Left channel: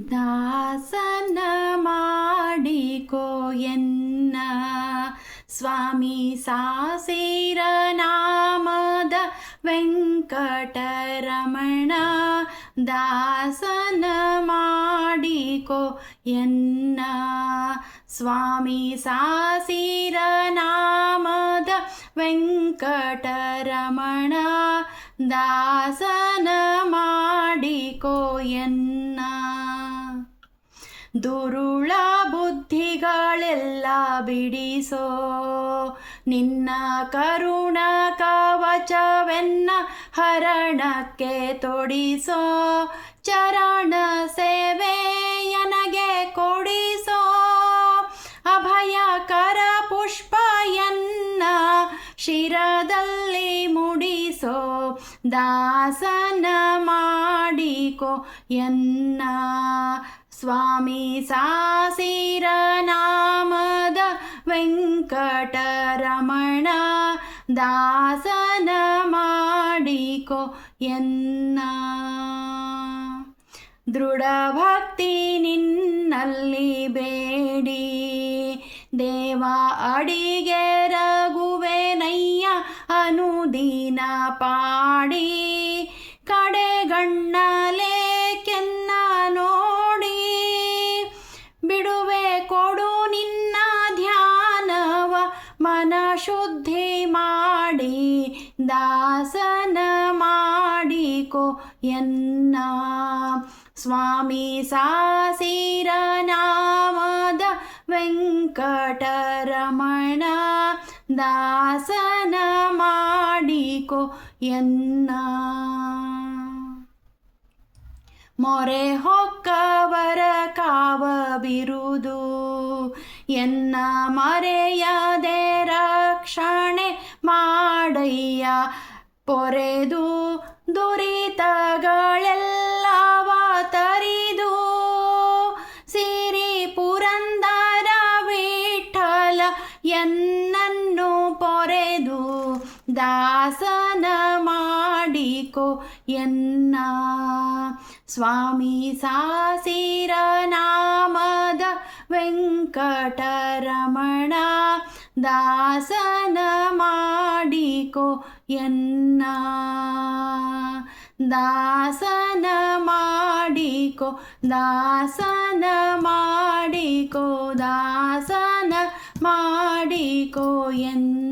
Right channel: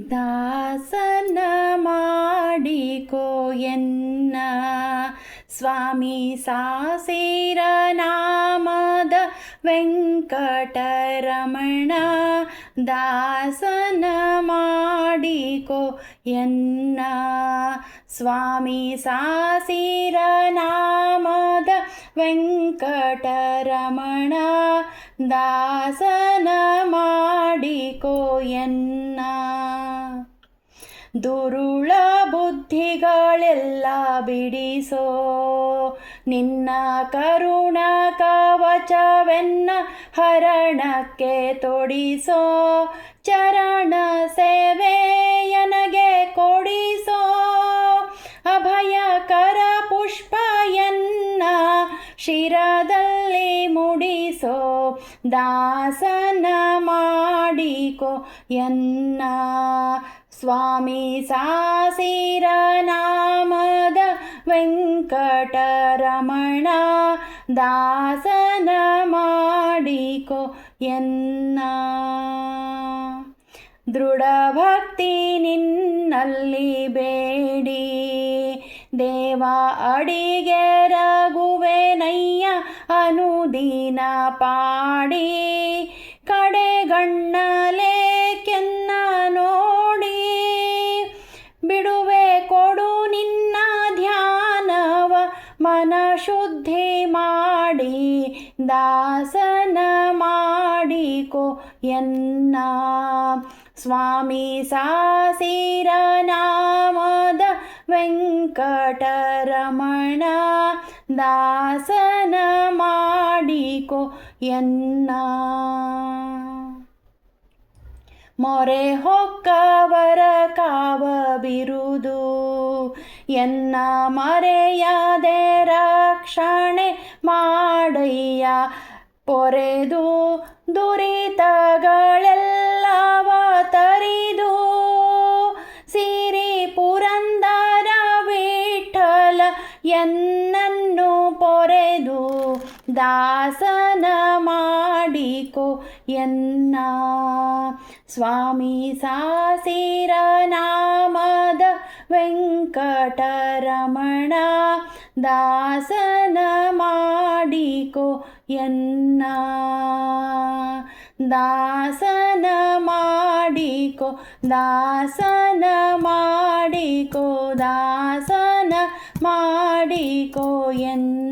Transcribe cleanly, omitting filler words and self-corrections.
ದಾಸನ ಮಾಡಿಕೋ ಎನ್ನ ಸ್ವಾಮಿ ಸಾಸಿರ ನಾಮದ ವೆಂಕಟರಮಣ. ದಾಸನ ಮಾಡಿಕೋ ಎನ್ನ ಸ್ವಾಮಿ ಸಾಸಿರ ನಾಮದ ವೆಂಕಟರಮಣ. ದಾಸನ ಮಾಡಿಕೋ ಎನ್ನ ದುರುಳ ಬುದ್ಧಿಗಳೆಲ್ಲ ಬಿಡಿಸೋ ನಿನ್ನ ಕರುಣ ಕವಚವೆನ್ನ ಹರಣಕ್ಕೆ ತೊಡಿಸೋ. ಚರಣ ಸೇವೆಯನಗೆ ಕೊಡಿಸೋ ಅಭಯಕರ ಪುಷ್ಪಯನ್ನ ಶಿರದಲ್ಲಿ ಮುಡಿಸೋ. ದಾಸನ ಮಾಡಿಕೋ ಎನ್ನ ಸ್ವಾಮಿ ಸಾಸಿರ ನಾಮದ ವೆಂಕಟರಮಣ. ದಾಸನ ಮಾಡಿಕೋ ಎನ್ನ ದೃಢ ಭಕ್ತಿ ನಿನ್ನಲ್ಲಿ ಬೇಡಿ ದೇವ ಅಡಿಗೆ ರಘುವೆನಯ್ಯ ಅನುದಿನ ಪಾಡಿ. ಕಡೆಗಣ್ಣಲೆ ಕೆನ್ನ ನೋಡಿ ಬಿಡುವೆ ಕೊಡು ನಿನ್ನ ಧ್ಯಾನವ ಮನ ಶುದ್ಧಿ ಮಾಡಿ. ದಾಸನ ಮಾಡಿಕೋ ಎನ್ನ ಸ್ವಾಮಿ ಸಾಸಿರ ನಾಮದ ವೆಂಕಟರಮಣ. ದಾಸನ ಮಾಡಿಕೋ ಎನ್ನ ಮೊರೆ ಹೊಕ್ಕವರ ಕಾವ ಬಿರುದು ಎನ್ನ ಮರೆಯದೆ ರಕ್ಷಣೆ ಮಾಡಯ್ಯ. ಪೊರೆದು ದುರಿತಗಳೆಲ್ಲವ ತರಿದು ಸಿರಿ ಪುರಂದರ ವಿಠಲ ಎನ್ನನ್ನು ಪೊರೆದು. ದಾಸನ ಮಾಡಿಕೋ ಎನ್ನ ಸ್ವಾಮಿ ಸಾಸಿರ ನಾಮದ ವೆಂಕಟರಮಣ. ದಾಸನ ಮಾಡಿಕೋ ಎನ್ನ ದಾಸನ ಮಾಡಿಕೋ ದಾಸನ ಮಾಡಿಕೋ ದಾಸನ ಮಾಡಿಕೋ ಎನ್ನ.